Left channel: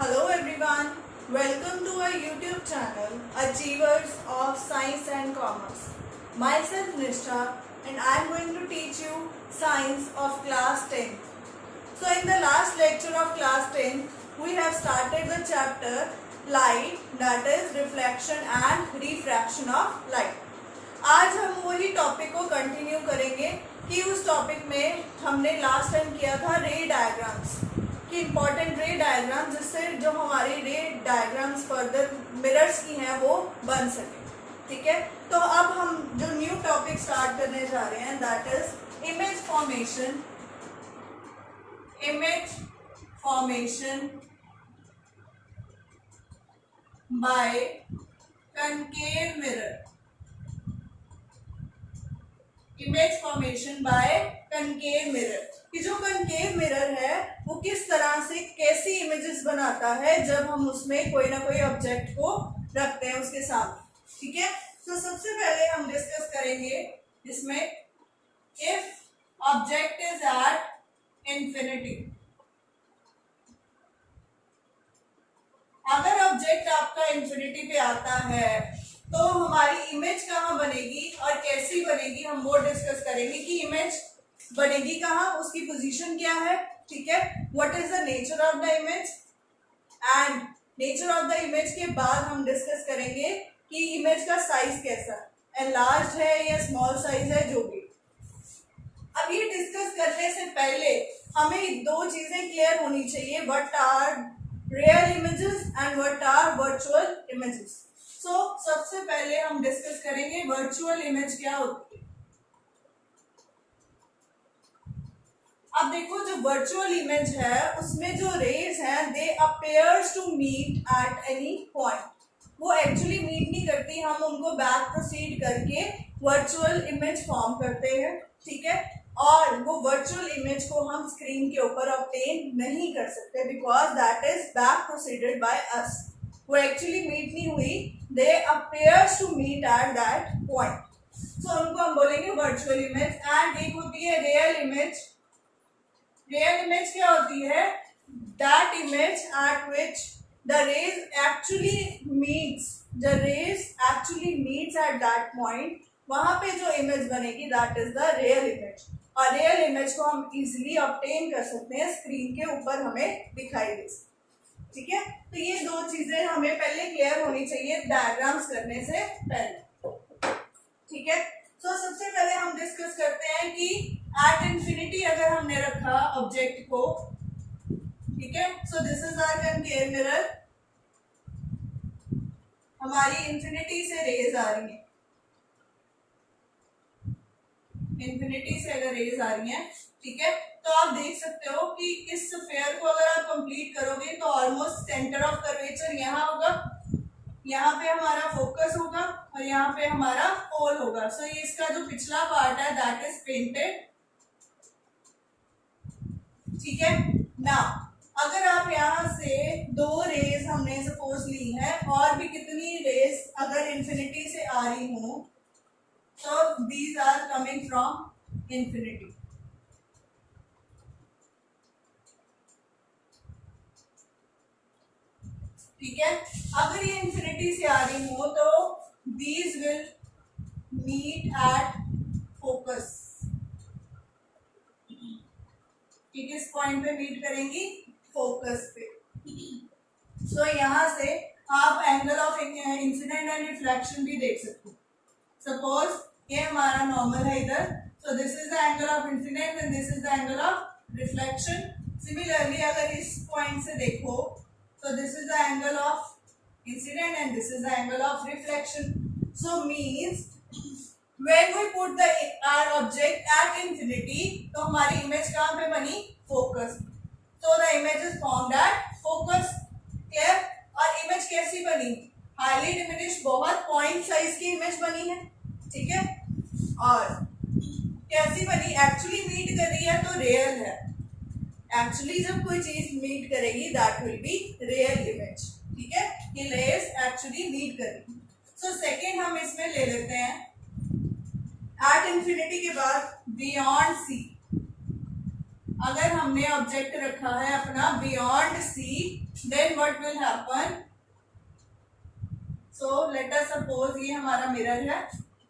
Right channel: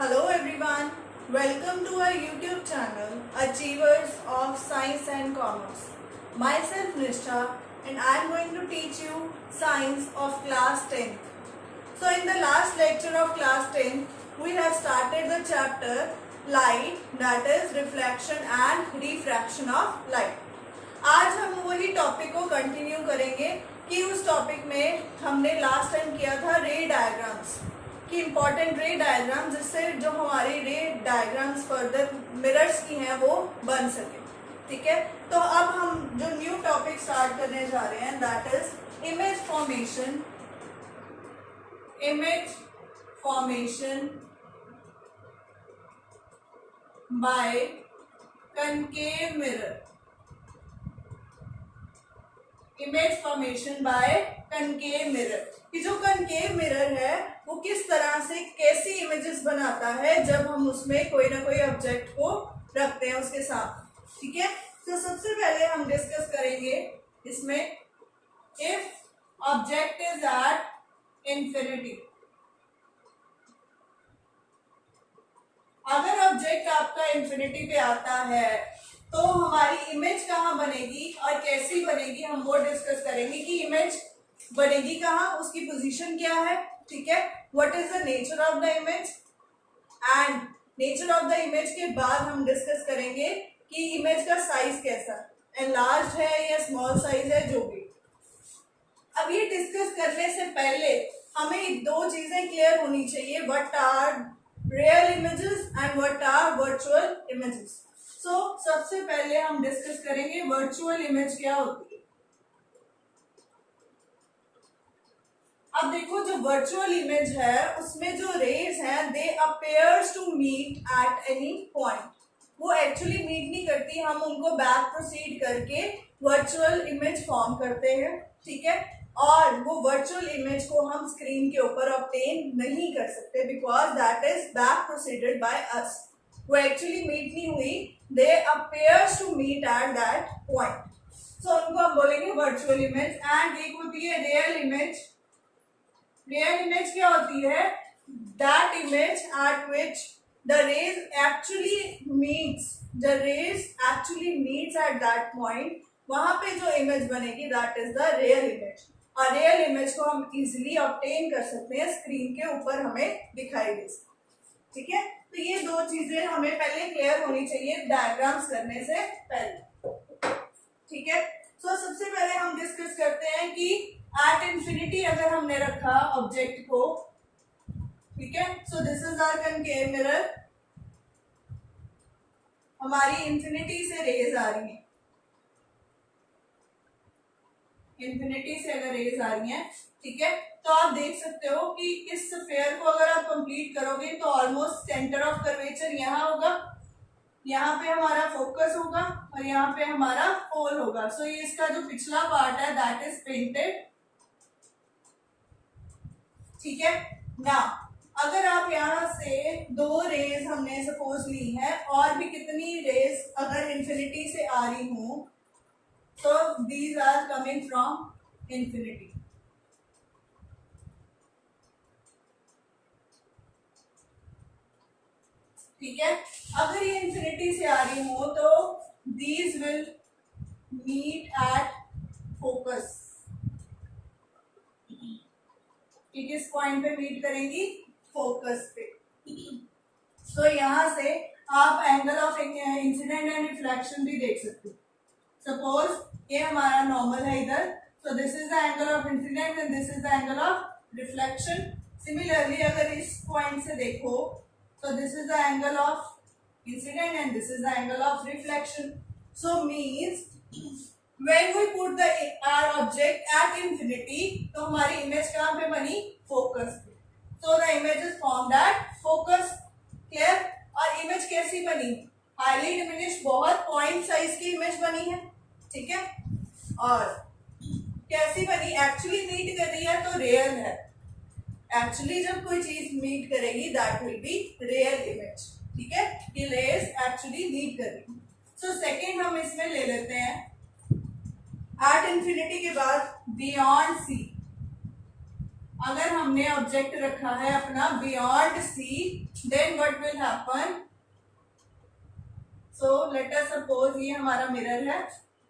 Hello everyone, welcome to our YouTube channel Achievers of Science and Commerce. Myself Nishtha and I am going to teach you Science of class 10th. So in the last lecture of class 10th, we have started the chapter Light, that is reflection and refraction of light. आज हम वही topic को continue करेंगे कि उस topic में हमने last time किया था रे डायग्राम्स कि इम्पॉर्टेंट रे डायग्राम जिससे जो हमारी रे डायग्राम्स फर्दर मिरर्स की हैं वो बन सके। ठीक है, तो अब हम जो न्यू टॉपिक स्टार्ट करने जा रहे हैं that is image formation by concave mirror. Image formation by concave mirror कि जो कनकेव मिरर है वो किस तरह से कैसी इमेजेस बनाता है जब हम उसमें कोई ना कोई ऑब्जेक्ट को रखते हैं उसके साथ। ठीक है, तो सबसे पहले हम डिस्कस करेंगे इसमें if object is at infinity. अगर ऑब्जेक्ट आपका इंफिनिटी पे आता है तो हमारी इमेज कहाँ बनेगी और कैसी बनेगी हम वो डिस्कस करेंगे कि इमेज बनेगी कहाँ, उसकी पोजीशन क्या है। ठीक है, what is the nature of the image and nature of the image के बाद हम डिस्कस करेंगे कि इमेज का साइज कैसा, एनलार्ज है या स्मॉल साइज है जो भी। अब ये डिस्कस करने से पहले हमें दो चीजें क्लियर होनी चाहिए, what are real images and what are virtual images. So सबसे पहले हम डिस्कस करेंगे वर्चुअल इमेज क्या होती है। अब देखो जो वर्चुअल इमेज है उसमें जो रेज हैं they appears to meet at any point. वो एक्चुअली मीट नहीं करती, हम उनको बैक प्रोसीड करके वर्चुअल इमेज फॉर्म करते हैं। ठीक है, और वो वर्चुअल इमेज को हम स्क्रीन के ऊपर ऑब्टेन नहीं कर सकते because that is back proceeded by us. वो एक्चुअली मीट नहीं हुई, they appears to meet at that point. So उनको हम बोलेंगे वर्चुअल इमेज। एंड एक होती है रियल इमेज। रियल इमेज क्या होती है, that image at which the rays actually meets at that point. वहां पे जो इमेज बनेगी that is the real image. और रियल इमेज को हम इजिली ऑब्टेन कर सकते हैं, स्क्रीन के ऊपर हमें दिखाई दे सकती। ठीक है, तो ये दो चीजें हमें पहले क्लियर होनी चाहिए डायग्राम्स करने से पहले। ठीक है, सो सबसे पहले हम डिस्कस करते हैं कि एट इंफिनिटी अगर हमने रखा ऑब्जेक्ट को। ठीक है, so this is our concave mirror. हमारी इंफिनिटी से रेज आ रही है, इंफिनिटी से अगर रेज आ रही है। ठीक है, तो आप देख सकते हो कि इस स्फीयर को अगर आप कंप्लीट करोगे तो ऑलमोस्ट सेंटर ऑफ कर्वेचर यहाँ होगा, यहाँ पे हमारा फोकस होगा और यहाँ पे हमारा पोल होगा। सो ये इसका जो पिछला पार्ट है दैट इज पेंटेड। ठीक है, ना अगर आप यहाँ से दो रेज हमने सपोज ली है और भी कितनी रेज अगर इंफिनिटी से आ रही हो तो these are coming from infinity. ठीक है, अगर ये इंफिनिटी से आ रही हो तो these will meet at focus. किस पॉइंट पे मीट करेंगी, फोकस पे। तो यहां से आप angle of incidence and reflection भी देख सकते हो। सपोज ये हमारा नॉर्मल है इधर, सो this is the angle of incidence and this is the angle of reflection. Similarly अगर इस पॉइंट से देखो so this is the angle of incident and this is the angle of reflection. So means when we put the our object at infinity तो हमारी image कहाँ पे बनी, focus पे। So the image is formed at focus. Clear? और image कैसी बनी, highly diminished, बहुत पॉइंट साइज की इमेज बनी है। ठीक है, और कैसी बनी, एक्चुअली मीट कर रही है तो रियल है। एक्चुअली जब कोई चीज मीट करेगी that will be real image. ठीक है, कि रेज एक्चुअली मीट करेगी। सो सेकेंड हम इसमें ले लेते हैं एट इंफिनिटी के बाद बियॉन्ड सी। अगर हमने ऑब्जेक्ट रखा है अपना beyond C, then what will happen? So let us suppose ये हमारा मिरर है,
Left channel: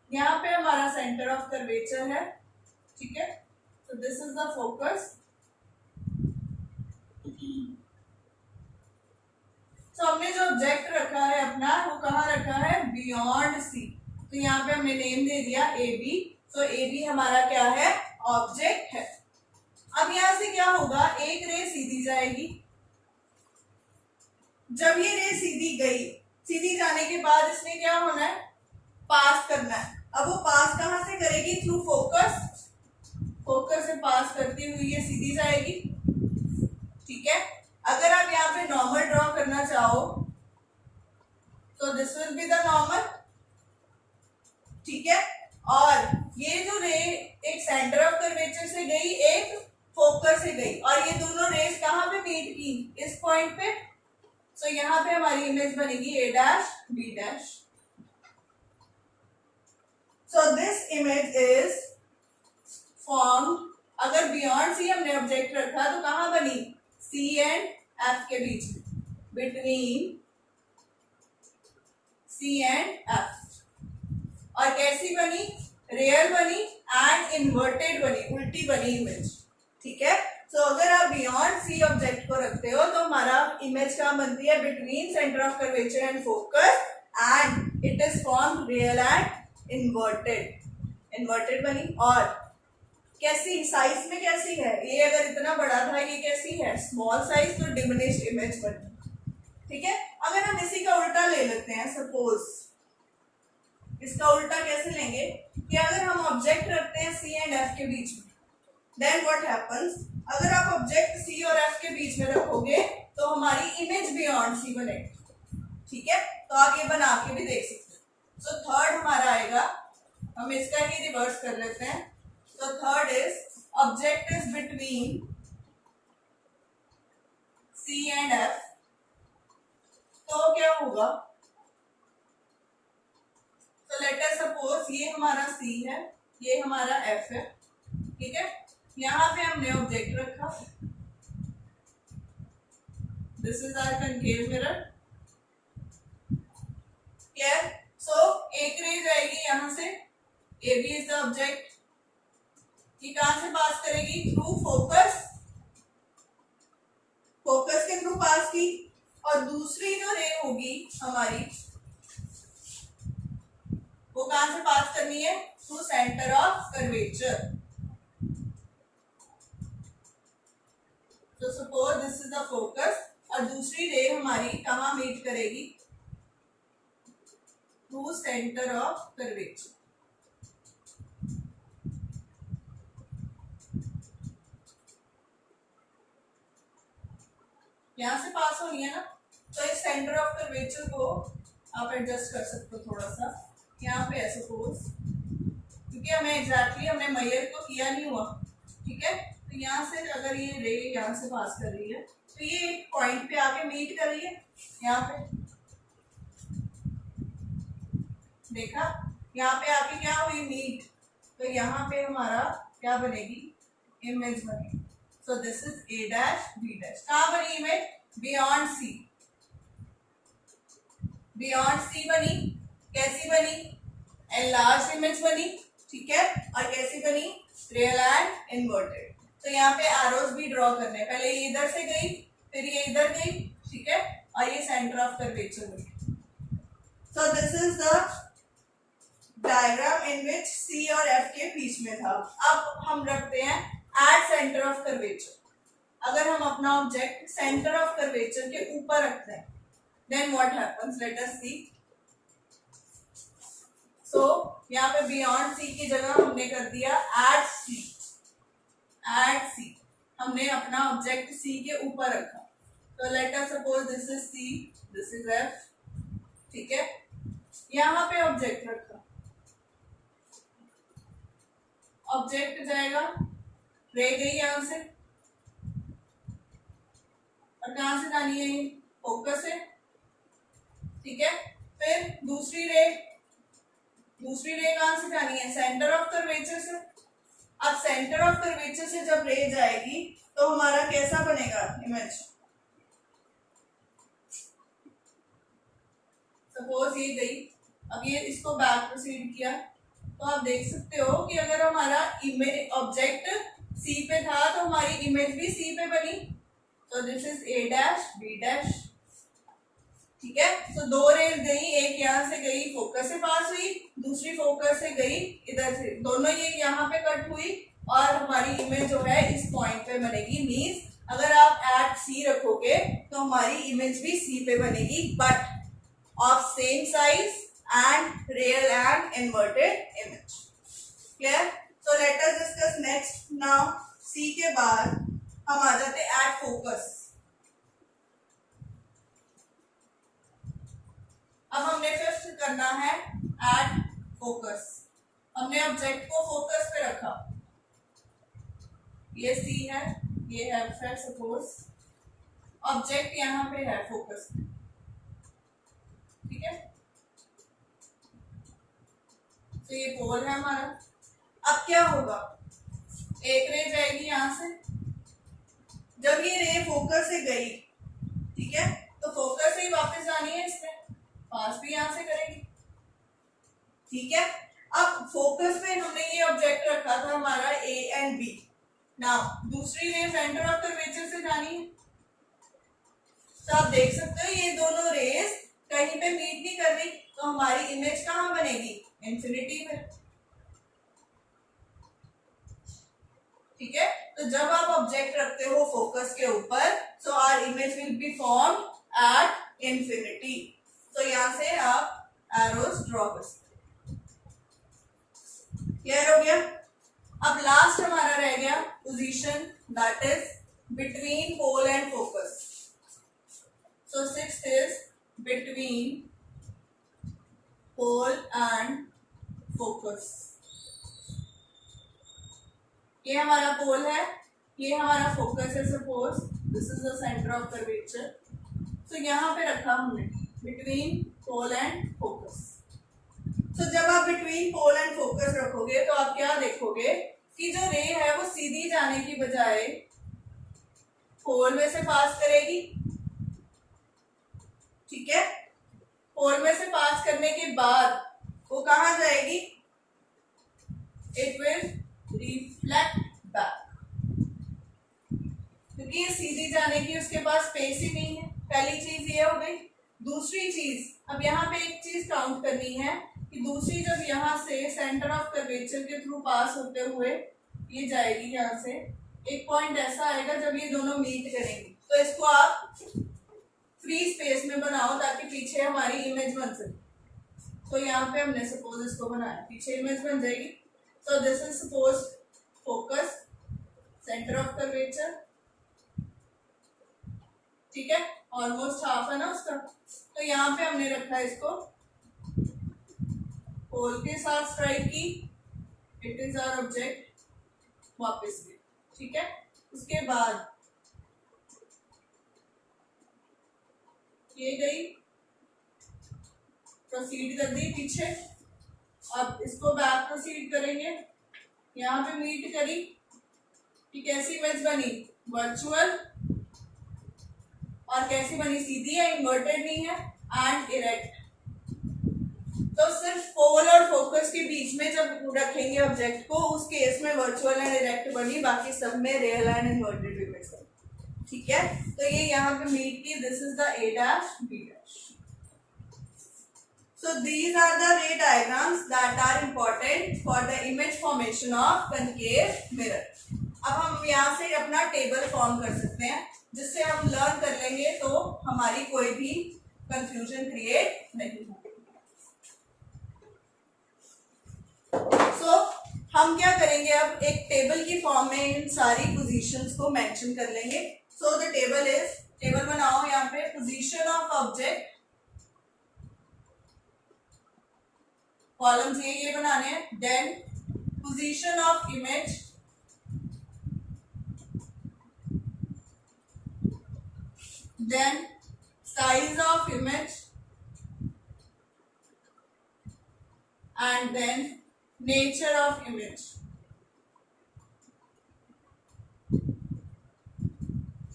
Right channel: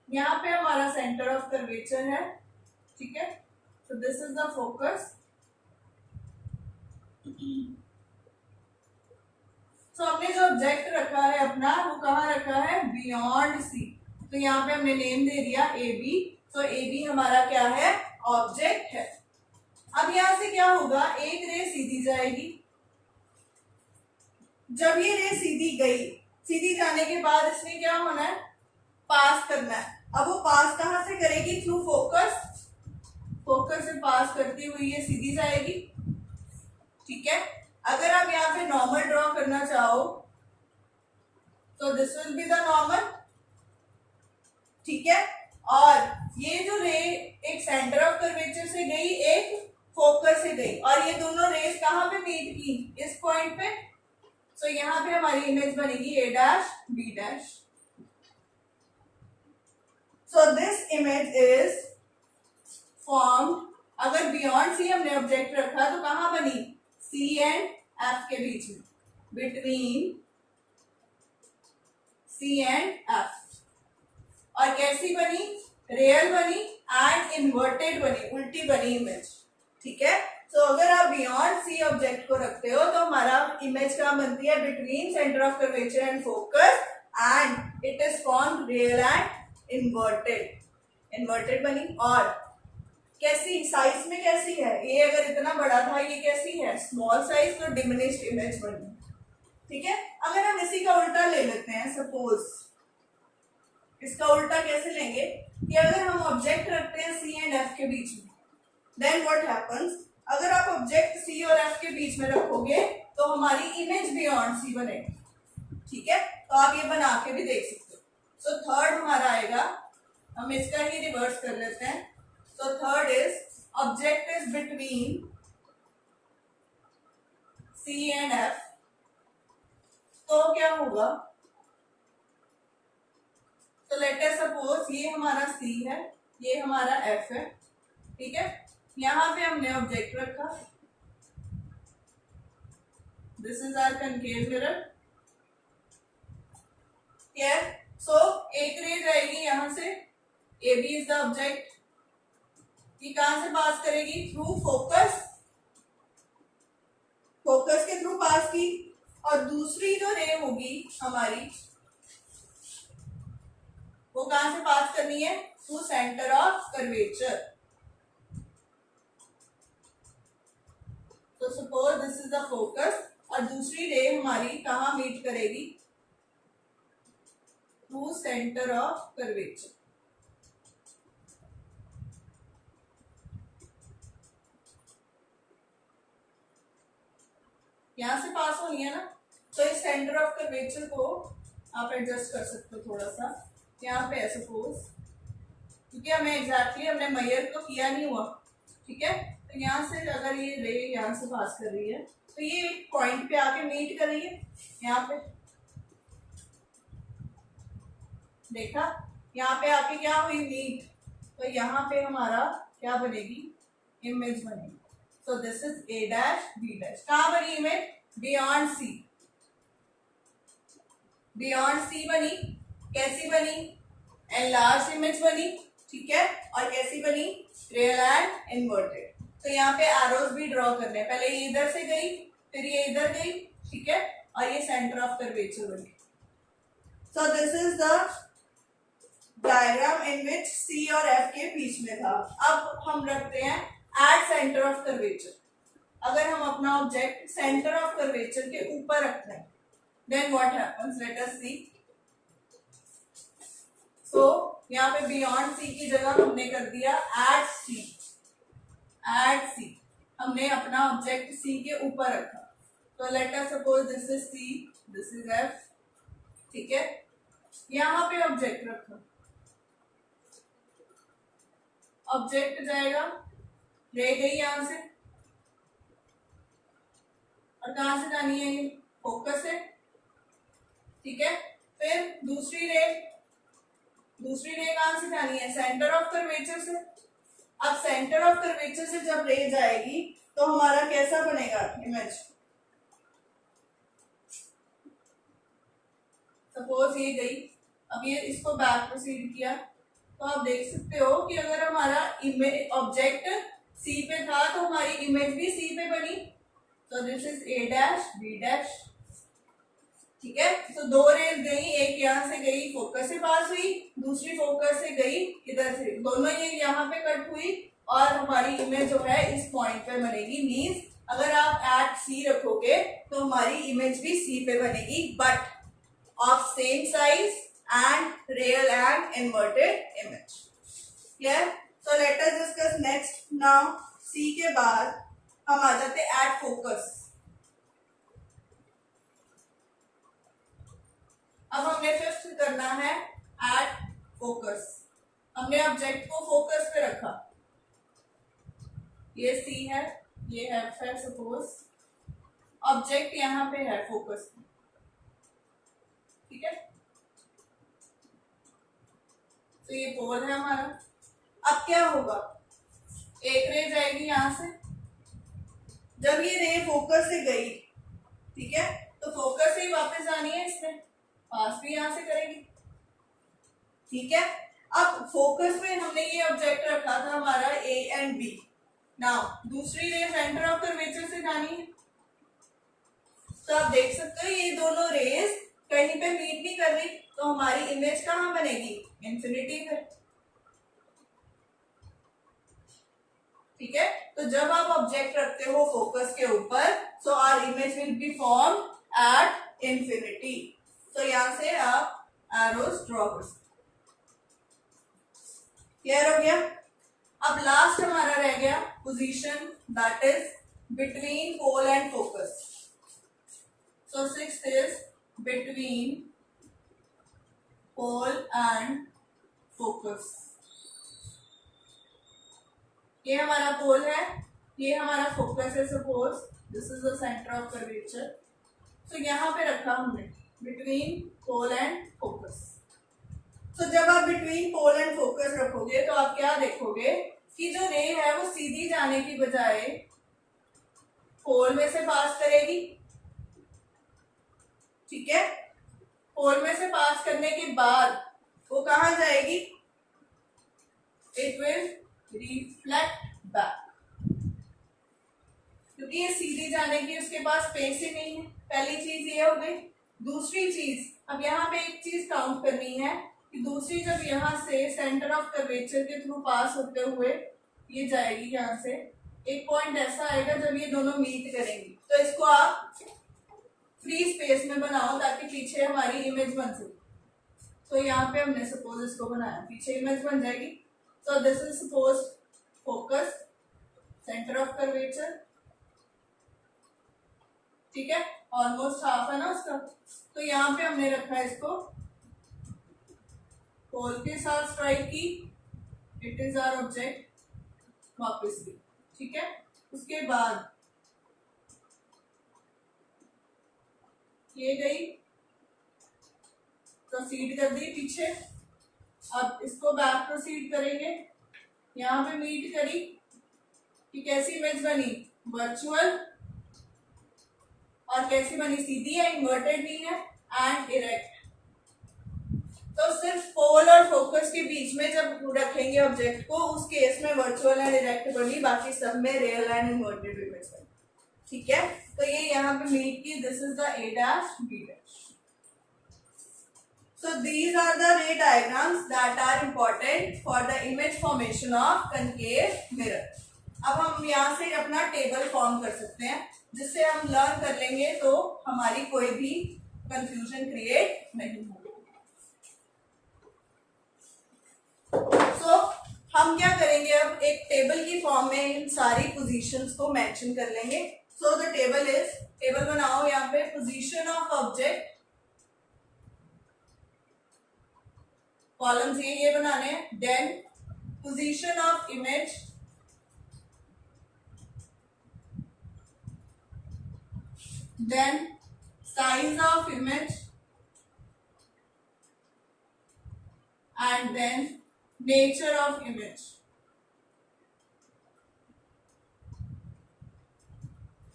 यहाँ पे हमारा सेंटर ऑफ कर्वेचर है, ठीक है। So this is the focus. तो हमने जो ऑब्जेक्ट रखा है अपना, वो कहाँ रखा है? Beyond C. तो यहाँ पे हमने नेम दे दिया A B. So A B हमारा क्या है? ऑब्जेक्ट है। अब यहां से क्या होगा? एक रे सीधी जाएगी। जब ये रे सीधी गई, सीधी जाने के बाद इसने क्या होना है? पास करना है। अब वो पास कहां से करेगी? Through focus. फोकस से पास करती हुई ये सीधी जाएगी, ठीक है। अगर आप यहाँ पे नॉर्मल ड्रॉ करना चाहो तो this will be the normal, ठीक है। और ये जो रे एक सेंटर ऑफ कर्वेचर से गई, एक फोकस से गई, और ये दोनों रेस कहां पे मीट की? इस पॉइंट पे। सो यहाँ पे हमारी इमेज बनेगी A dash B dash. So this image is formed. अगर बियॉन्ड सी हमने ऑब्जेक्ट रखा तो कहां बनी? सी एंड एफ के बीच में, बिटवीन सी एंड एफ। और कैसी बनी? रियल बनी एंड इन्वर्टेड बनी, उल्टी बनी इमेज, ठीक है। सो अगर आप बियॉन्ड सी ऑब्जेक्ट को रखते हो तो हमारा इमेज क्या बनती है? Between centre of curvature and focus, and it is form real and inverted. Inverted बनी। और कैसी? साइज में कैसी है? ये अगर इतना बड़ा था, ये कैसी है? स्मॉल साइज, तो डिमिनिश्ड इमेज बनी, ठीक है। अगर हम इसी का उल्टा ले लेते हैं, सपोज इसका उल्टा कैसे लेंगे कि अगर हम ऑब्जेक्ट रखते हैं सी एंड एफ के बीच में, देन व्हाट हैपेंस? अगर आप ऑब्जेक्ट सी और एफ के बीच में रखोगे तो हमारी इमेज बियॉन्ड सी बनेगी, ठीक है। तो आप ये बना के भी देख सकते हो। सो थर्ड हमारा आएगा, हम इसका ही रिवर्स कर लेते हैं। तो third is object is between C and F. तो क्या होगा? तो लेट अस सपोज ये हमारा सी है, ये हमारा एफ है, ठीक है। यहां पे हमने ऑब्जेक्ट रखा, this is our concave mirror, clear. So एक रे जाएगी यहां से, A B is the object, ये कहां से पास करेगी? Through focus. फोकस के थ्रू पास की। और दूसरी जो रे होगी हमारी, वो कहां से पास करनी है? Through centre of curvature. तो suppose this is the focus, और दूसरी रे हमारी कहां मीट करेगी? Through centre of curvature. यहां से पास होनी है ना, तो इस सेंटर ऑफ कर्वेचर को आप एडजस्ट कर सकते हो थोड़ा सा। यहाँ पे है सपोज, क्योंकि हमें एग्जैक्टली हमने मेजर को किया नहीं हुआ, ठीक है। तो यहाँ से अगर ये रे यहाँ से पास कर रही है तो ये एक पॉइंट पे आके मीट कर रही है, यहाँ पे देखा, यहाँ पे आके क्या हुई? मीट। तो यहाँ पे हमारा क्या बनेगी? इमेज बनेगी। So this is A dash B dash. कहाँ बनी image? Beyond C. Beyond C बनी। कैसी बनी? एनलार्ज इमेज बनी, ठीक है। और कैसी बनी? Real and inverted. तो यहाँ पे एरोज भी ड्रॉ करने, पहले ये इधर से गई, फिर ये इधर गई, ठीक है। और ये सेंटर ऑफ कर्वेचर बनी। So this is the diagram in which C और एफ के बीच में था। अब हम रखते हैं एट सेंटर ऑफ कर्वेचर। अगर हम अपना ऑब्जेक्ट सेंटर ऑफ कर्वेचर के ऊपर रखते हैं, then what happens? Let us see. So यहाँ पे बियॉन्ड सी की जगह हमने कर दिया एट सी। एट सी हमने अपना ऑब्जेक्ट सी के ऊपर रखा। तो let us suppose this is C, this is F, ठीक है। यहाँ पे ऑब्जेक्ट रखा, ऑब्जेक्ट जाएगा, रे गई यहां से, और कहां से जानी है? ये फोकस से, ठीक है। फिर दूसरी रे कहां से जानी है? सेंटर ऑफ कर्वेचर से। अब सेंटर ऑफ कर्वेचर से जब रे जाएगी तो हमारा कैसा बनेगा इमेज। सपोज ये गई, अब ये इसको बैक प्रोसीड किया, तो आप देख सकते हो कि अगर हमारा इमेज ऑब्जेक्ट सी पे था तो हमारी इमेज भी सी पे बनी। तो this is A dash B dash, ठीक है। तो दो रेज गई, एक यहाँ से गई फोकस से पास हुई, दूसरी फोकस से गई इधर से, दोनों ये यहाँ पे कट हुई और हमारी इमेज जो है इस पॉइंट पे बनेगी। मींस अगर आप एट सी रखोगे तो हमारी इमेज भी सी पे बनेगी, but of same size and real and inverted image. Clear? So let us discuss next now. C के बाद हम आ जाते एट फोकस। अब हमने फिफ्थ करना है एट फोकस। हमने ऑब्जेक्ट को फोकस पे रखा, ये सी है, ये एफ है, सपोज ऑब्जेक्ट यहाँ पे है फोकस पे, ठीक है। तो ये पोल है हमारा। अब क्या होगा, एक रे जाएगी यहां से, जब ये रे फोकस से गई, ठीक है, तो फोकस से ही वापस आनी है, इसमें पास भी यहां से करेगी, ठीक है। अब फोकस में हमने ये ऑब्जेक्ट रखा था हमारा ए एंड बी। नाउ दूसरी रे सेंटर ऑफ कर्वेचर से जानी है, तो आप देख सकते हो ये दोनों रेस कहीं पे मीट नहीं कर रही, तो हमारी इमेज कहां बनेगी, इंफिनिटी पे, ठीक है। तो जब आप ऑब्जेक्ट रखते हो फोकस के ऊपर, so our image will be form at infinity. तो यहां से आप एरोस ड्रॉ कर सकते। क्लियर हो गया? अब लास्ट हमारा रह गया position, that is between pole and focus. So sixth is between pole and focus. ये हमारा पोल है, ये हमारा फोकस है, suppose this is the centre of curvature. तो यहां पे रखा हमने बिटवीन पोल एंड फोकस। तो जब आप बिटवीन पोल एंड फोकस रखोगे तो आप क्या देखोगे कि जो रे है वो सीधी जाने की बजाय पोल में से पास करेगी, ठीक है। पोल में से पास करने के बाद वो कहां जाएगी, इट विल रिफ्लेक्ट बैक, क्योंकि ये सीधी जाने की उसके पास स्पेस ही नहीं है। पहली चीज ये हो गई। दूसरी चीज, अब यहाँ पे एक चीज काउंट करनी है कि दूसरी जब यहाँ से सेंटर ऑफ कर्वेचर के थ्रू पास होते हुए ये जाएगी, यहाँ से एक पॉइंट ऐसा आएगा जब ये दोनों मीट करेंगी, तो इसको आप फ्री स्पेस में बनाओ ताकि पीछे हमारी इमेज बन सके। तो यहाँ पे हमने सपोज इसको बनाया, पीछे इमेज बन जाएगी। सो this is suppose focus, centre of curvature, ठीक है, ऑलमोस्ट हाफ है ना उसका। तो यहाँ पे हमने रखा है इसको, पोल के साथ स्ट्राइक की, इट इज आवर ऑब्जेक्ट, वापस गई, ठीक है। उसके बाद ये गई, प्रोसीड कर दी पीछे, अब इसको बैक प्रोसीड करेंगे, यहाँ पे मीट करी, कि कैसी इमेज बनी, वर्चुअल, और कैसी बनी, सीधी है, इन्वर्टेड नहीं है, एंड इरेक्ट। तो सिर्फ पोल और फोकस के बीच में जब रखेंगे ऑब्जेक्ट को, उस केस में वर्चुअल एंड इरेक्ट बनी, बाकी सब में रियल एंड इन्वर्टेड इमेज बनी, ठीक है। तो ये यहाँ पे मीट की, this is the A dash B dash. So these are the ray diagrams that are important for the image formation of concave mirror. अब हम यहाँ से अपना टेबल फॉर्म कर सकते हैं, जिससे हम लर्न कर लेंगे तो हमारी कोई भी कंफ्यूजन क्रिएट नहीं होगी। So हम क्या करेंगे, अब एक टेबल की फॉर्म में इन सारी पोजीशंस को मेंशन कर लेंगे। So the table is, table बनाओ यहाँ पे, पोजीशन ऑफ ऑब्जेक्ट, कॉलम्स ये बनाने हैं, then position of image, then size of image, and then nature of image.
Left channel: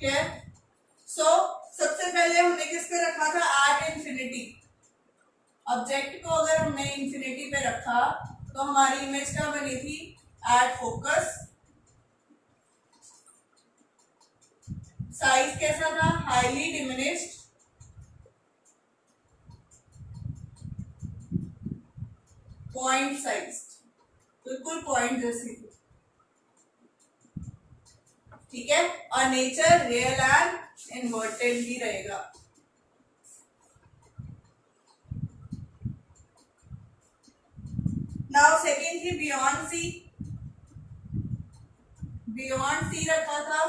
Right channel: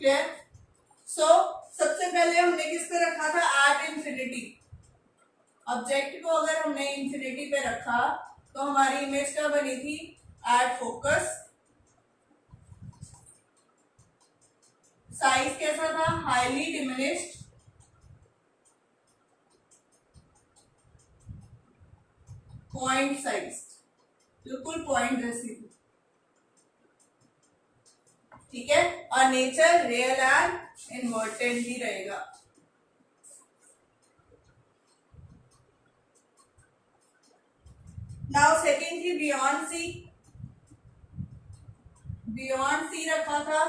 Clear? So सबसे पहले हमने किस पे रखा था, एट इंफिनिटी। ऑब्जेक्ट को अगर हमने इंफिनिटी पे रखा तो हमारी इमेज क्या बनी थी, एट फोकस। साइज कैसा था, हाईली डिमिनिश्ड। पॉइंट साइज, बिल्कुल पॉइंट जैसी थी, ठीक है। और नेचर रियल एंड इन्वर्टेड ही रहेगा। नाउ सेकेंड थी बियॉन्ड सी। बियॉन्ड सी रखा था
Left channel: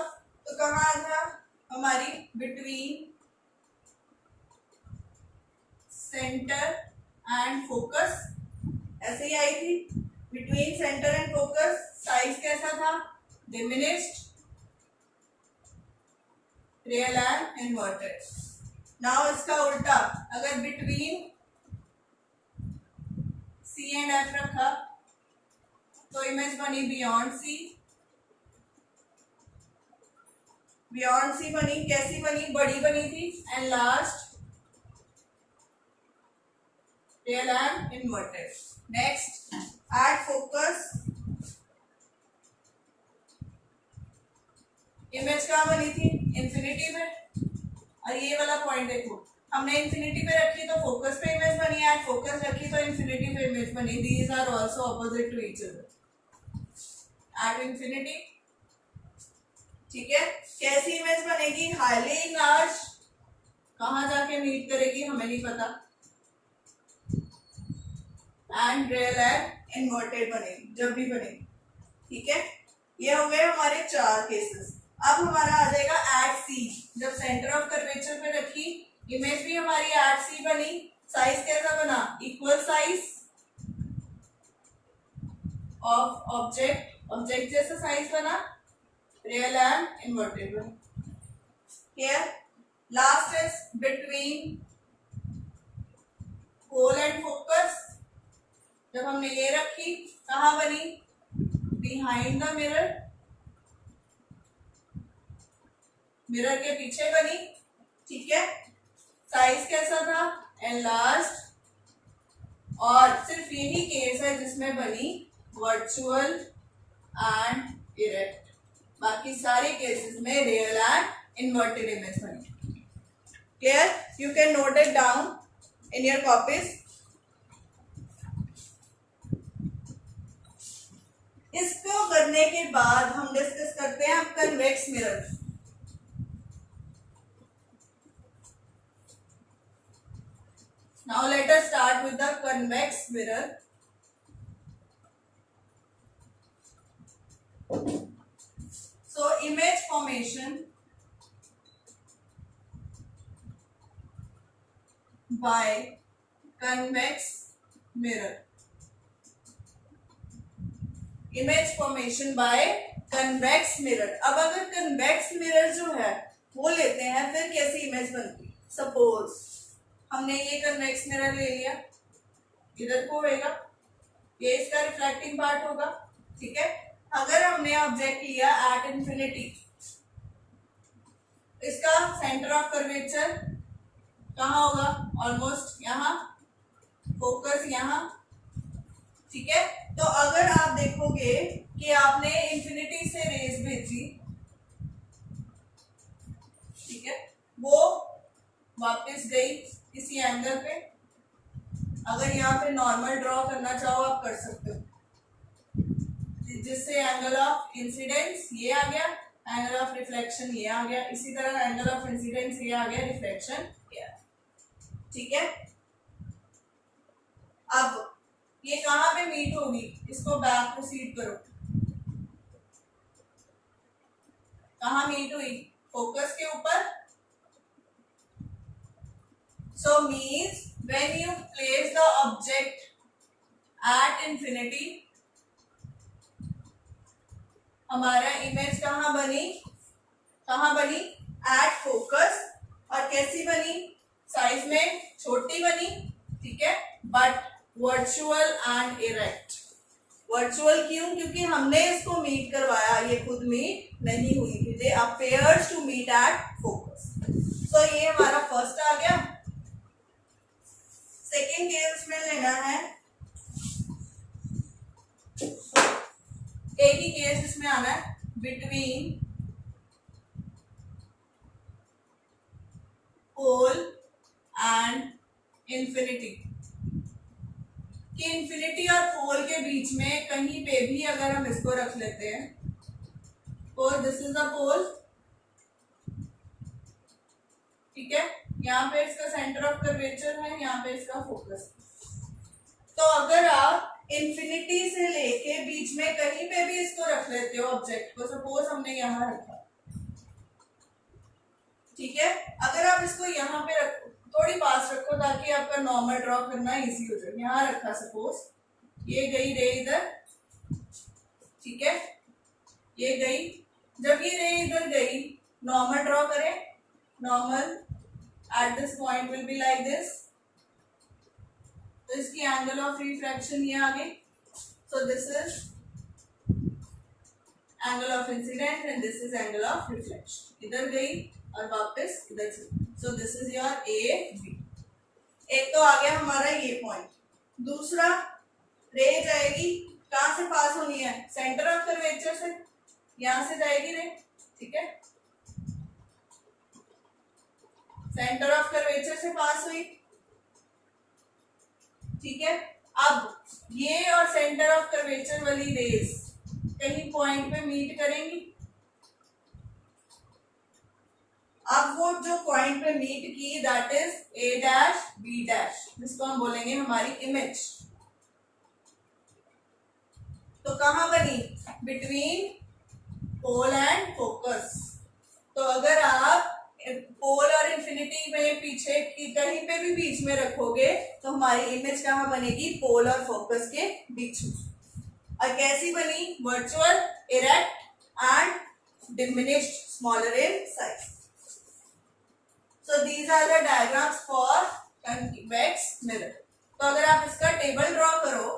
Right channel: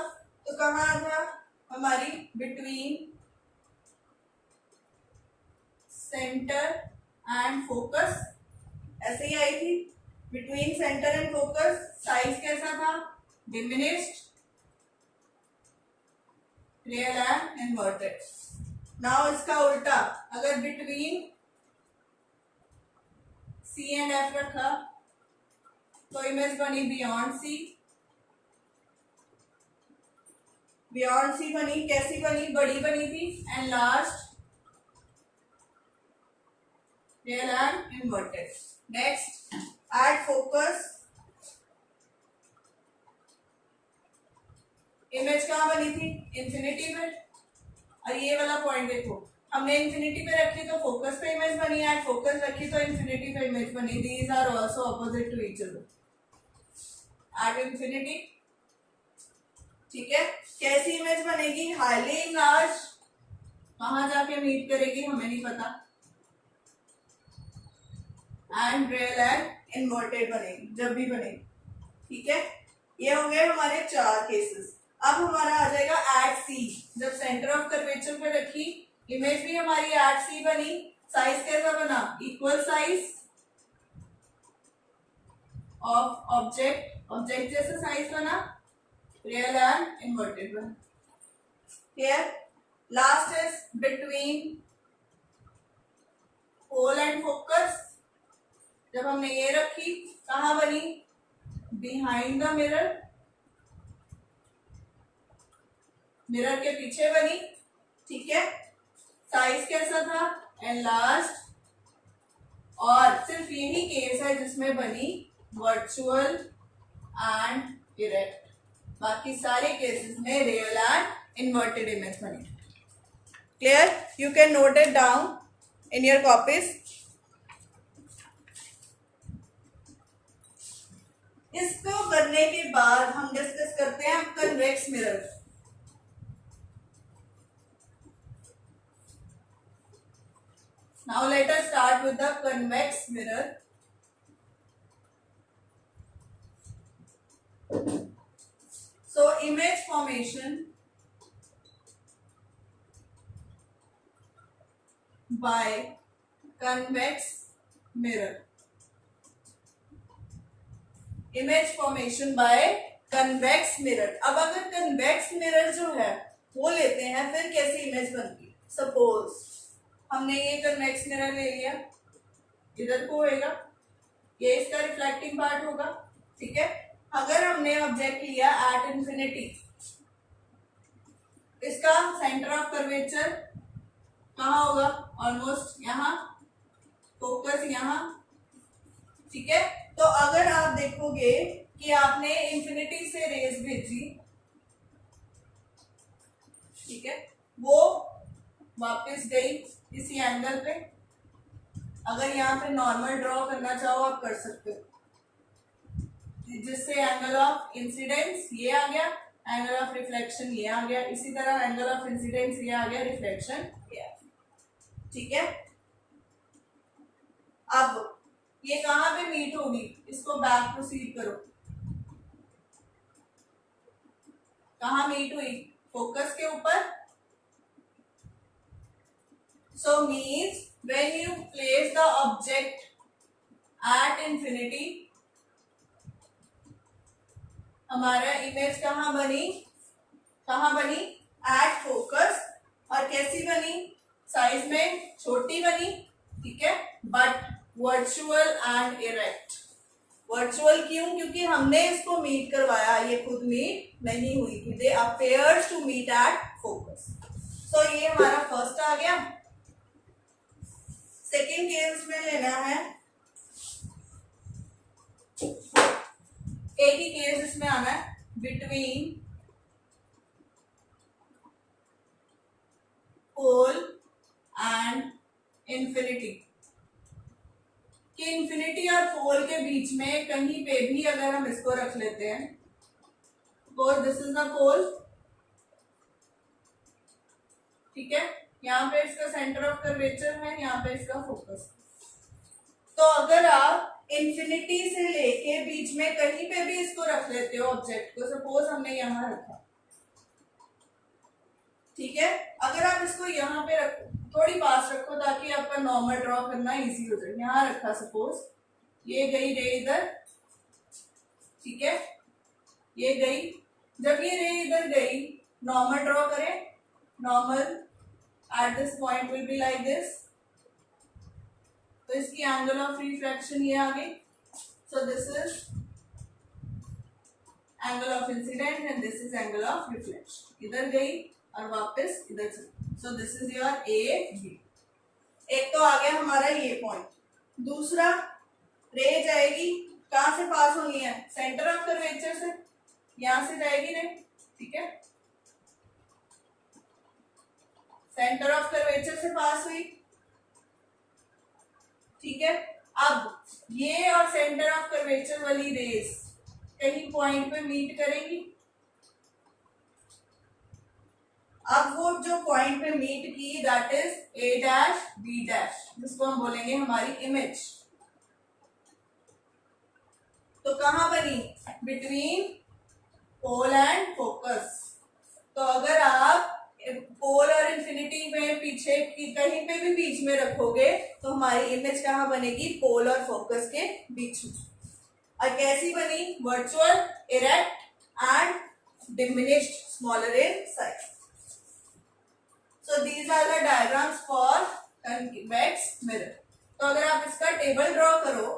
तो कहाँ था हमारी, बिटवीन सेंटर एंड फोकस, ऐसे ही आई थी, between centre and focus. Size कैसा था, diminished, real and inverted. Now इसका उल्टा, अगर बिटवीन सी एंड एफ रखा तो इमेज बनी बियॉन्ड सी। बियॉन्ड सी बनी, कैसी बनी, बड़ी बनी थी, and last real and inverted. Next, at focus, image कहाँ बनी थी, इंफिनिटी पे। और ये वाला पॉइंट देखो, हमने इंफिनिटी पे रखी तो फोकस पे इमेज बनी, एट फोकस रखी तो इंफिनिटी पे इमेज बनी। These are also opposite to each other at infinity, ठीक है। कैसी इमेज बनेगी, हाईली लार्ज, कहां जाके मीट करेगी हमें नहीं पता, एंड रियल एंड इन्वर्टेड बनेगी जब भी बनेगी, ठीक है। ये हो गए हमारे 4 केसेस। अब हमारा आ जाएगा एट सी। जब सेंटर ऑफ कर्वेचर पे रखी, इमेज भी हमारी एट सी बनी। साइज कैसा बना, equal size of object, object जैसा साइज बना, रियल एंड इन्वर्टेड बना, clear. Last is between pole and focus. जब हमने ये रखी, कहाँ बनी, बिहाइंड द मिरर, मिरर के पीछे बनी, ठीक है। साइज कैसा था, एनलार्ज्ड। और सिर्फ यही केस है जिसमें बनी वर्चुअल एंड इरेक्ट, बाकी सारे केसेस में रियल एंड इन्वर्टेड इमेज बनी, clear. You can note it down in your copies. इसको करने के बाद हम डिस्कस करते हैं convex mirror. Now let us start with the convex mirror. So image formation by convex mirror. Image formation by convex mirror. अब अगर convex mirror जो है वो लेते हैं, फिर कैसी इमेज बनती है। सपोज हमने ये कन्वेक्स मिरर ले लिया, इधर को होगा, ये इसका रिफ्लेक्टिंग पार्ट होगा, ठीक है। अगर हमने ऑब्जेक्ट लिया एट इंफिनिटी, इसका सेंटर ऑफ कर्वेचर कहाँ होगा, ऑलमोस्ट यहाँ, फोकस यहाँ, ठीक है। तो अगर आप देखोगे कि आपने इंफिनिटी से रेज भेजी, ठीक है, वो वापस गई इसी एंगल पे। अगर यहाँ पे नॉर्मल ड्रॉ करना चाहो आप कर सकते हो, जिससे एंगल ऑफ इंसिडेंस ये आ गया, एंगल ऑफ रिफ्लेक्शन ये आ गया, इसी तरह एंगल ऑफ इंसिडेंस ये आ गया, रिफ्लेक्शन ये आ गया, ठीक है। अब ये कहां पे मीट होगी, इसको बैक प्रोसीड करो, कहां मीट हुई, फोकस के ऊपर। So means when you place the object at infinity, हमारा इमेज कहां बनी, एट फोकस। और कैसी बनी, साइज में छोटी बनी, ठीक है, but virtual and erect, virtual क्यों? क्योंकि हमने इसको मीट करवाया, ये खुद मीट नहीं हुई थी। They appears to meet at focus. तो ये हमारा फर्स्ट आ गया। सेकेंड केस में लेना है, एक ही केस इसमें आना है, बिटवीन पोल एंड इंफिनिटी। कि इंफिनिटी और पोल के बीच में कहीं पे भी अगर हम इसको रख लेते हैं, और दिस इज द पोल, ठीक है, यहाँ पे इसका सेंटर ऑफ कर्वेचर है, यहाँ पे इसका फोकस। तो अगर आप इंफिनिटी से लेके बीच में कहीं पे भी इसको रख लेते हो ऑब्जेक्ट को, सपोज हमने यहाँ रखा, ठीक है, अगर आप इसको यहाँ पे रखो, थोड़ी पास रखो ताकि आपका नॉर्मल ड्रॉ करना इजी हो जाए। यहाँ रखा सपोज, ये गई रे इधर, ठीक है, ये गई, जब ये रे इधर गई, नॉर्मल ड्रॉ करें, normal at this point will be like this, तो इसकी एंगल ऑफ रिफ्रैक्शन ये आ गई। So this is angle of incidence and this is angle of reflection, इधर गई और वापस इधर चली। So this is your A B. एक तो आ गया हमारा ये पॉइंट। दूसरा, रे जाएगी, कहां से पास होनी है? सेंटर ऑफ कर्वेचर से, यहां से जाएगी रे, ठीक है, सेंटर ऑफ कर्वेचर से पास हुई, ठीक है। अब ये और सेंटर ऑफ कर्वेचर वाली रेस कहीं पॉइंट पे मीट करेंगी। अब वो जो पॉइंट पे मीट की, that is A dash B dash, जिसको हम बोलेंगे हमारी इमेज। तो कहां बनी? Between pole and focus. तो अगर आप पोल और इंफिनिटी में पीछे की कहीं पे भी बीच में रखोगे तो हमारी इमेज कहां बनेगी? पोल और फोकस के बीच में। और कैसी बनी? Virtual, erect and diminished, smaller in size. So these are the diagrams for convex mirror. तो अगर आप इसका टेबल ड्रॉ करो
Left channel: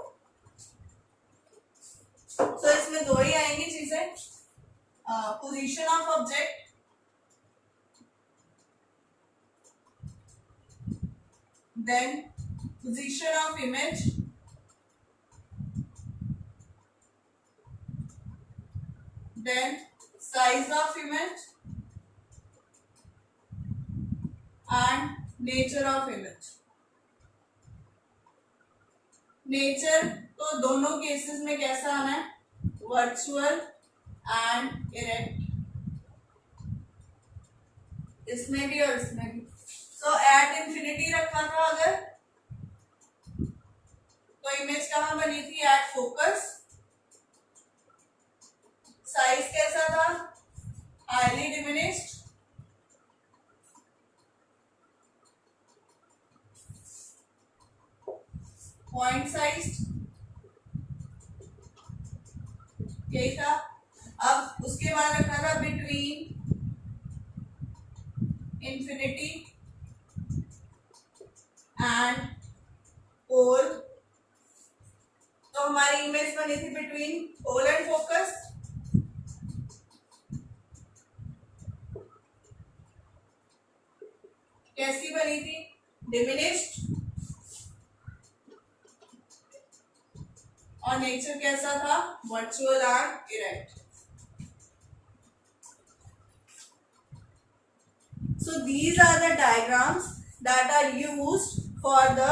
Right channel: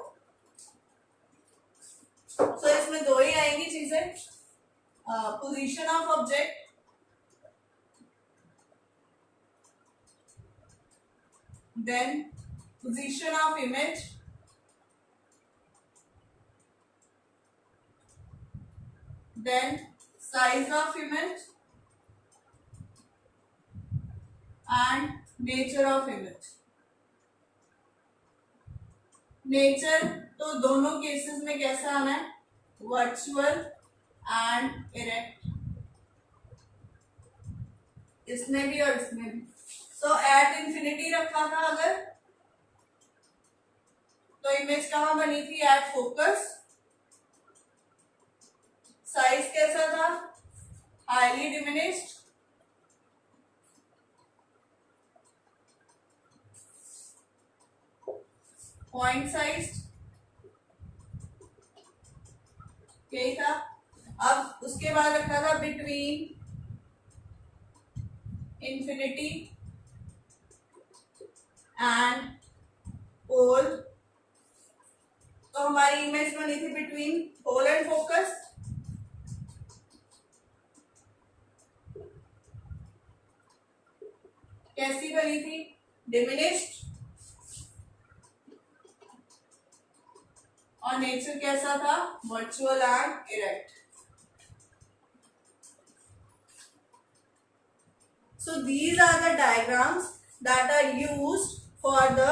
तो इसमें दो ही आएंगी चीजें, position of object, then position of image, then size of image and nature of image. Nature तो दोनों केसेस में कैसा आना है? वर्चुअल एंड इरेक्ट, इसमें भी और इसमें भी। सो एट इंफिनिटी रखा था अगर, तो इमेज कहां बनी थी? At focus. साइज कैसा था? हाईली डिमिनिश्ड, पॉइंट साइज, यही था। अब उसके बाद रखा था बिटवीन इंफिनिटी एंड पोल, तो हमारी इमेज बनी थी बिटवीन पोल एंड फोकस। कैसी बनी थी? डिमिनिश्ड, और नेचर कैसा था? Virtual and erect. So these are the diagrams that are used for the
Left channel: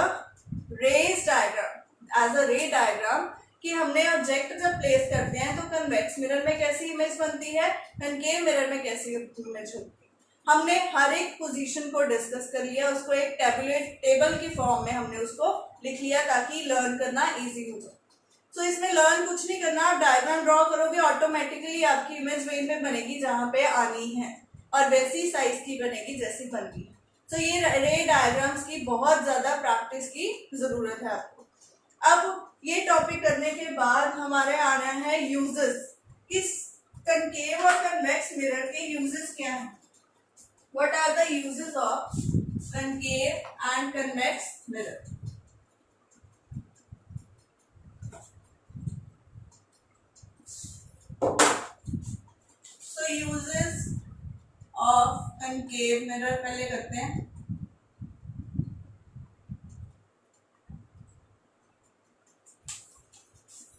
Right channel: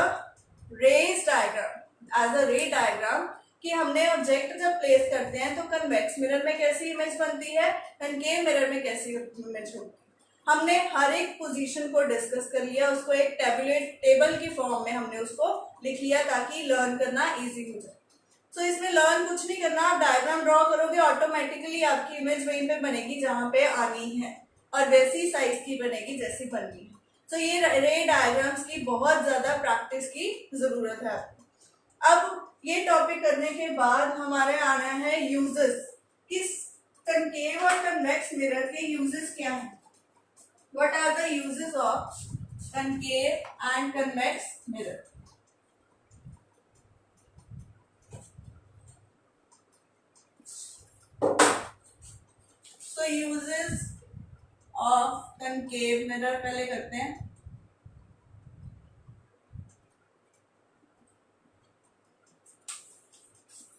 rays diagram as a ray diagram, कि हमने ऑब्जेक्ट जब प्लेस करते हैं तो कन्वेक्स मिरर में कैसी इमेज बनती है, कनकेव मिरर में कैसी इमेज होती है। हमने हर एक पोजीशन को डिस्कस कर लिया, उसको एक टेबल की फॉर्म में हमने उसको लिख लिया ताकि लर्न करना इजी हो जाए। तो इसमें लर्न कुछ नहीं करना, आप डायग्राम ड्रॉ करोगे, ऑटोमेटिकली आपकी इमेज वहीं पे बनेगी जहां पे आनी है, और वैसी साइज की बनेगी जैसी बननी है। तो ये रे डायग्राम्स की बहुत ज्यादा प्रैक्टिस की जरूरत है आपको। अब ये टॉपिक करने के बाद हमारे आना है यूजेस, किस कनकेव और कन्वेक्स मिरर के यूजेस क्या हैं। What are the uses of concave and convex mirror. So uses of concave mirror पहले करते हैं।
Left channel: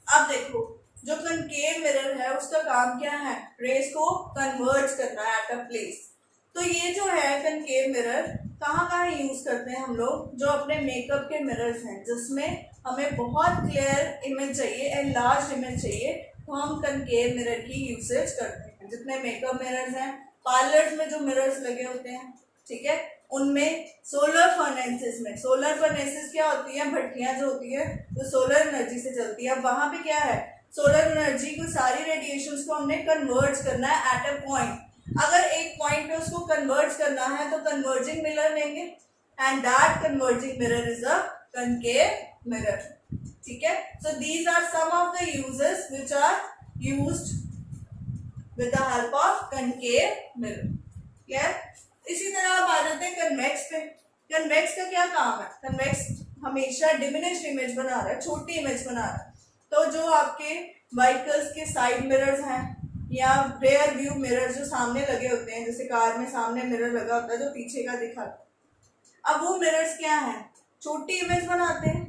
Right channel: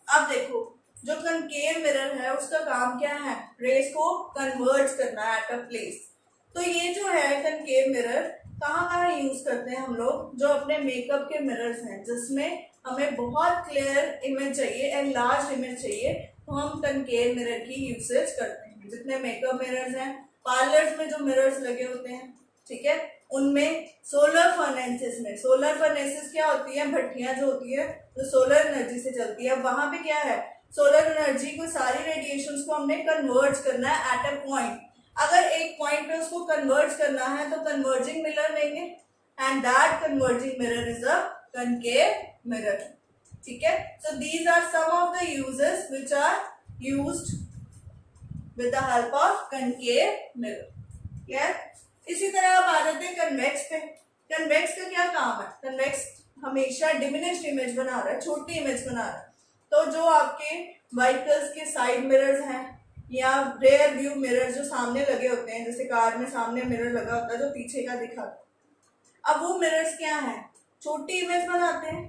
अब देखो जो कनकेव मिरर है उसका काम क्या है, रेस को कन्वर्ज करना है एट अ प्लेस। तो ये जो है कनकेव मिरर कहाँ कहाँ यूज करते हैं हम लोग, जो अपने मेकअप के मिरर्स हैं जिसमें हमें बहुत क्लियर इमेज चाहिए एंड लार्ज इमेज चाहिए, तो हम कनकेव मिरर की यूसेज करते हैं। जितने मेकअप मिरर्स हैं, पार्लर्स में जो मिरर्स लगे होते हैं, ठीक है, उनमें सोलर फर्नेसेस में, सोलर फर्नेसेस क्या होती है, भट्टियां जो होती है जो सोलर एनर्जी से चलती है। वहां पे क्या है, सोलर एनर्जी को, सारी रेडिएशंस को हमने कन्वर्ट करना है एट अ पॉइंट। अगर एक पॉइंट पे उसको कन्वर्ट करना है तो कन्वर्जिंग मिरर लेंगे and that converging mirror is a concave mirror. ठीक है, so these are some of the uses which are used with the help of concave mirror. Clear? इसी तरह आप आ जाते हैं कन्वेक्स पे। कन्वेक्स का क्या काम है, कन्वेक्स हमेशा डिमिनिश्ड इमेज बना रहा है, छोटी इमेज बना रहा है। तो जो आपके व्हीकल्स के साइड मिरर्स हैं या रेयर व्यू मिरर जो सामने लगे होते हैं, जैसे कार में सामने मिरर लगा होता है जो पीछे का दिखाता है, अब वो मिरर्स क्या है, छोटी इमेज बनाते हैं,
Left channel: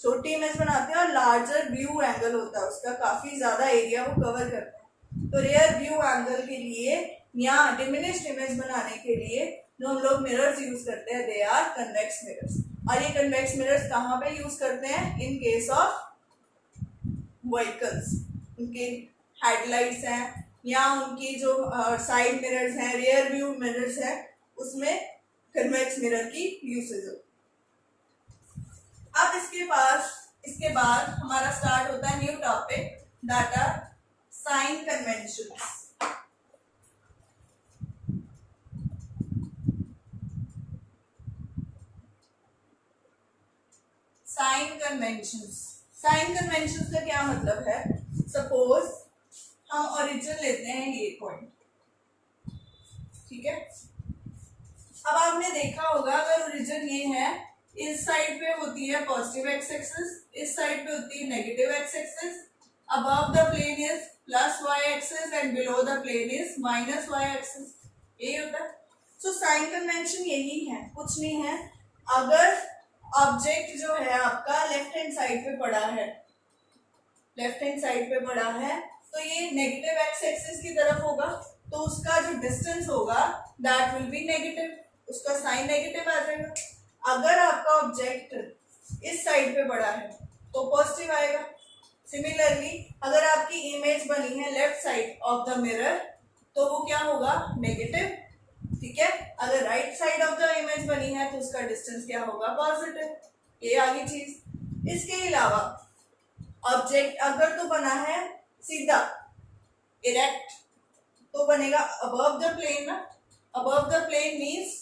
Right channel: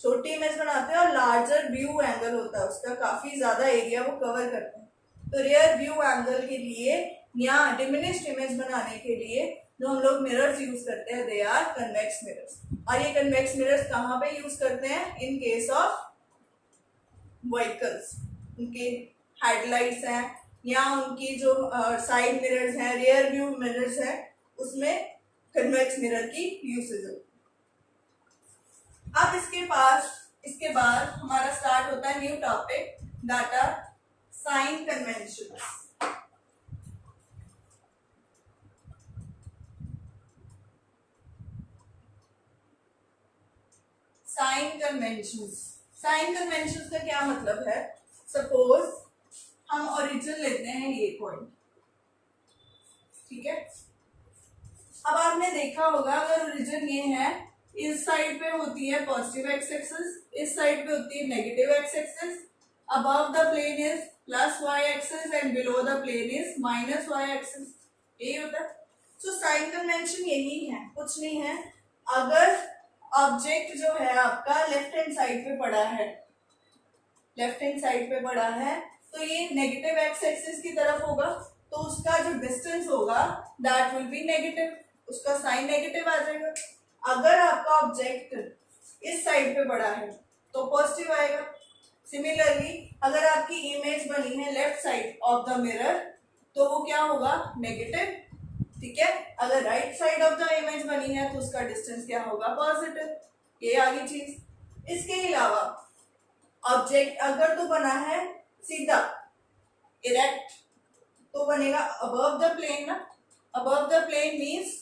छोटी इमेज बनाते हैं और लार्जर व्यू एंगल होता है उसका, काफी ज्यादा एरिया वो कवर करते हैं। तो रेयर व्यू एंगल के लिए या डिमिनिश्ड इमेज बनाने के लिए जो हम लोग मिरर्स यूज करते हैं, दे आर कन्वेक्स मिरर्स। और ये कन्वेक्स मिरर्स कहाँ पे यूज करते हैं, इन केस ऑफ व्हीकल्स, उनके हेडलाइट्स हैं या उनकी जो साइड मिरर्स हैं, रियर व्यू मिरर्स हैं, उसमें कन्वेक्स मिरर की यूसेज हो। अब इसके बाद हमारा स्टार्ट होता है new topic, that are sign conventions. Sign conventions, sign conventions का क्या मतलब है, सपोज हम ओरिजिन लेते हैं ये पॉइंट, ठीक है। अब आपने देखा होगा अगर ओरिजिन ये है, इस साइड पे होती है पॉजिटिव एक्स एक्सिस, इस साइड पे होती है negative X axis, above the plane is plus Y axis and below the plane is minus Y axis, यही होता है। सो साइन कन्वेंशन यही है, कुछ नहीं है। अगर ऑब्जेक्ट जो है आपका लेफ्ट हैंड साइड पे पड़ा है, लेफ्ट हैंड साइड पे पड़ा है, तो ये नेगेटिव एक्स एक्सिस की तरफ होगा, तो उसका जो डिस्टेंस होगा दैट विल बी नेगेटिव, उसका साइन नेगेटिव आ जाएगा। अगर आपका ऑब्जेक्ट इस साइड पे पड़ा है तो पॉजिटिव आएगा। सिमिलरली अगर आपकी इमेज बनी है left side of the mirror तो वो क्या होगा, नेगेटिव, ठीक है। अगर right side of the image बनी है तो उसका डिस्टेंस क्या होगा, पॉजिटिव। ये आगे चीज। इसके अलावा ऑब्जेक्ट अगर तो बना है सीधा इरेक्ट तो बनेगा अबव द प्लेन ना, above the plane means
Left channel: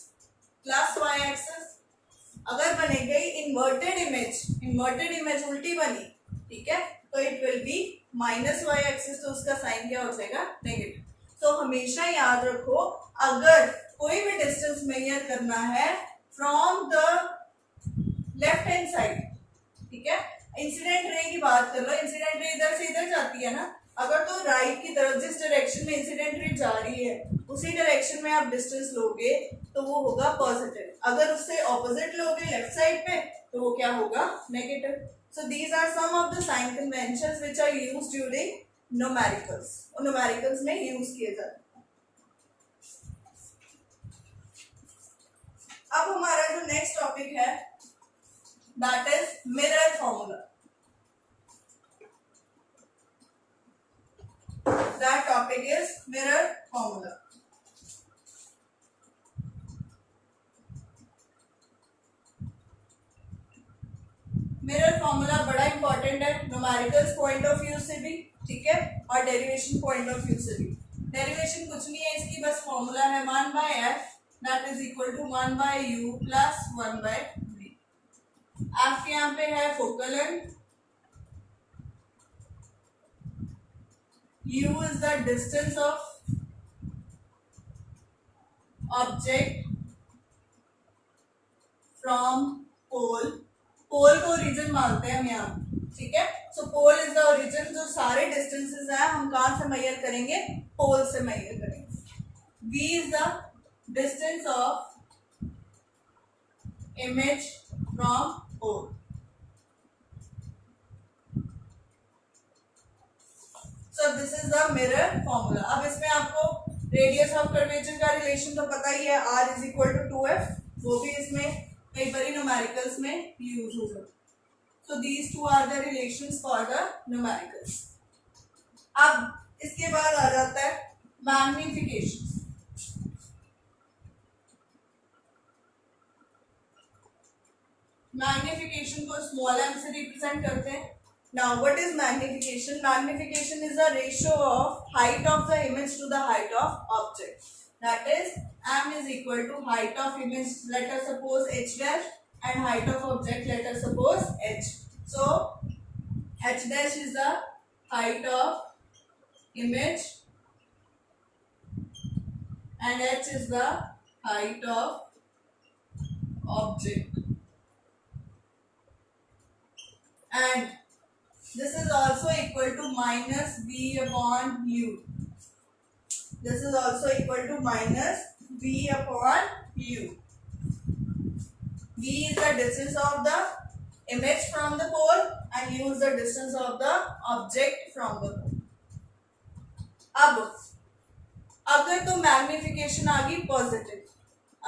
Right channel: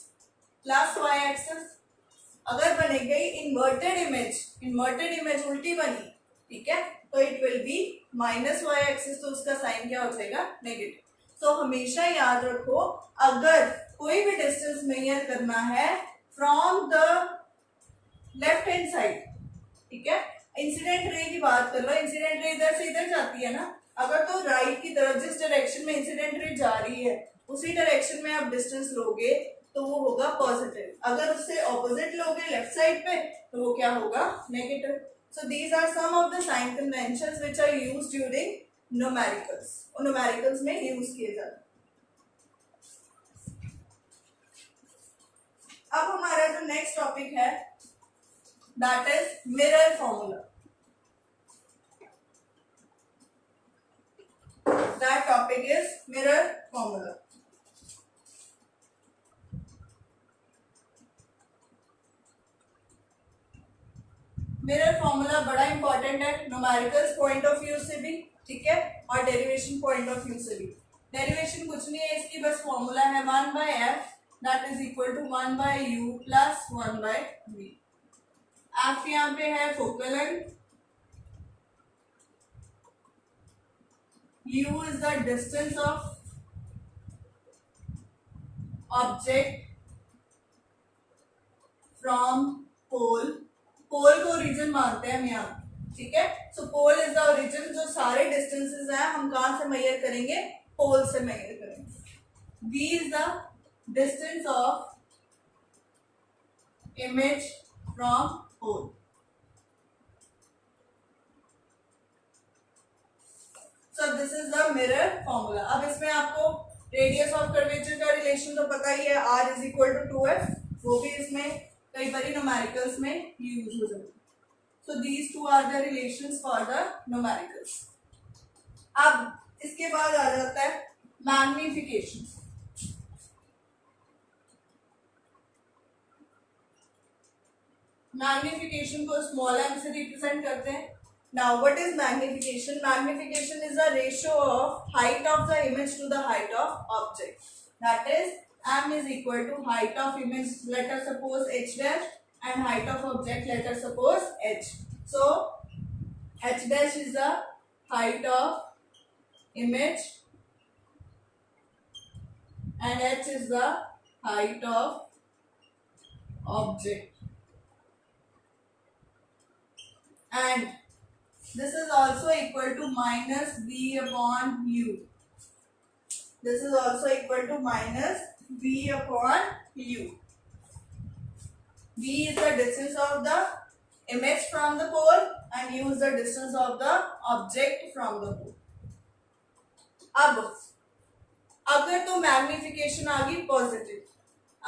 plus Y axis. अगर बने गई इन्वर्टेड इमेज उल्टी बनी, ठीक है, तो it will be minus Y axis, तो उसका साइन क्या हो जाएगा, नेगेटिव। तो हमेशा याद रखो अगर कोई भी डिस्टेंस मेजर करना है from the left hand side, ठीक है, इंसिडेंट रे की बात कर लो, इंसिडेंट रे इधर से इधर जाती है ना, अगर तो राइट की तरफ जिस डायरेक्शन में इंसिडेंट रे जा रही है उसी डायरेक्शन में आप डिस्टेंस लोगे तो वो होगा पॉजिटिव। अगर उससे ऑपोजिट लोगे लेफ्ट साइड पे तो वो क्या होगा, negative. So these are some of the sign conventions which are used during numericals, और न्यूमेरिकल्स में यूज किए जाते हैं। अब हमारा जो नेक्स्ट टॉपिक है that is mirror formula. That topic is mirror formula. Mirror formula बड़ा इंपॉर्टेंट है न्यूमेरिकल्स पॉइंट ऑफ व्यू से भी, ठीक है, और डेरिवेशन पॉइंट ऑफ व्यू से भी। डेरिवेशन कुछ नहीं है इसकी, बस फॉर्मूला है 1/f that is equal to 1/u plus 1/v। f यहाँ पे है focal length, u is the distance of object from pole, pole को ओरिजिन मानते हैं हम यहाँ, ठीक है। So pole is the origin, जो सारे डिस्टेंसेस हैं हम कहाँ से मेजर करेंगे, पोल से मेजर करेंगे। v is the distance of image from pole. So this is the mirror formula. अब इसमें आपको रेडियस ऑफ कर्वेचर का रिलेशन तो पता ही है, r is equal to 2f, वो भी इसमें कई बार न्यूमेरिकल्स में यूज हो जाता है। So these two are the relations for the numericals. अब इसके बाद आ जाता है मैग्निफिकेशन। मैग्निफिकेशन को स्मॉल m से रिप्रेजेंट करते हैं। Now what is magnification? Magnification is the ratio of height of the image to the height of object. That is, m is equal to height of image, let us suppose h dash, and height of object, let us suppose h. So h dash is the height of image and h is the height of object. And this is also equal to minus v upon u. This is also equal to minus v upon u. V is the distance of the image from the pole and u is the distance of the object from the pole. अब अगर तो magnification आ गई positive,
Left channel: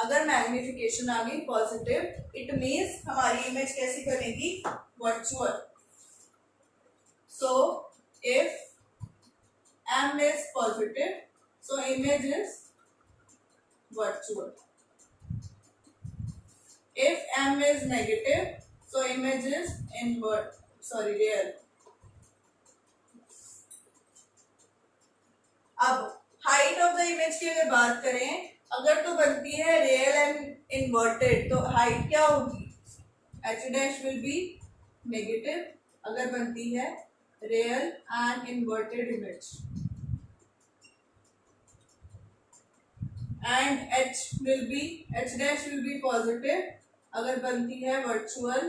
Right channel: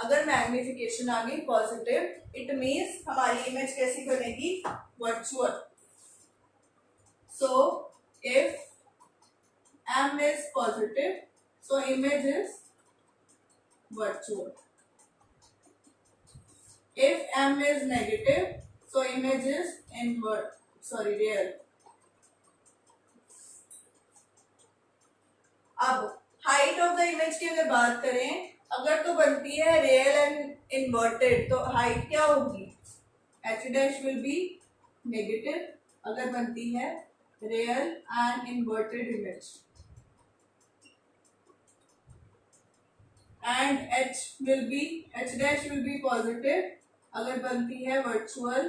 अगर magnification आ गई positive, it means हमारी image कैसी बनेगी? Virtual. So if m is positive, so image is virtual. If m is negative, so image is real. अब हाइट ऑफ द इमेज की अगर बात करें, अगर तो बनती है रियल एंड इन्वर्टेड, तो हाइट क्या होगी? h dash will be negative अगर बनती है real and inverted image, and h dash will be positive अगर बनती है virtual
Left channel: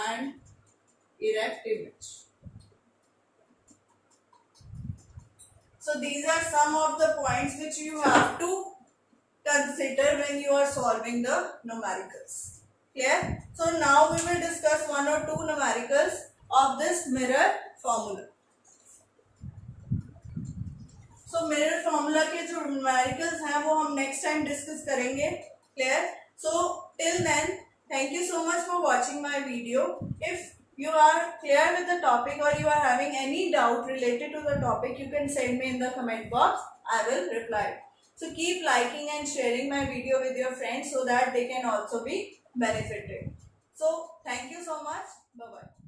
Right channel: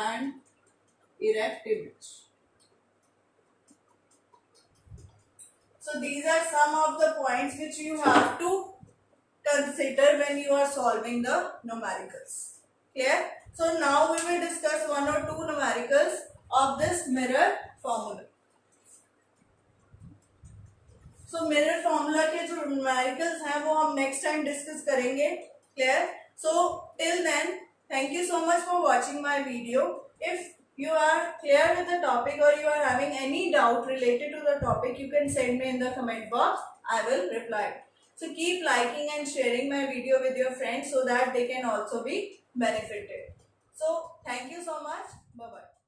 and erect image. So these are some of the points which you have to consider when you are solving the numericals. Clear? So now we will discuss one or two numericals of this mirror formula. So mirror formula के जो numericals हैं वो हम next time discuss करेंगे. Clear? So till then, thank you so much for watching my video. If you are clear with the topic or you are having any doubt related to the topic, you can send me in the comment box. I will reply. So keep liking and sharing my video with your friends so that they can also be benefited. So thank you so much. Bye bye.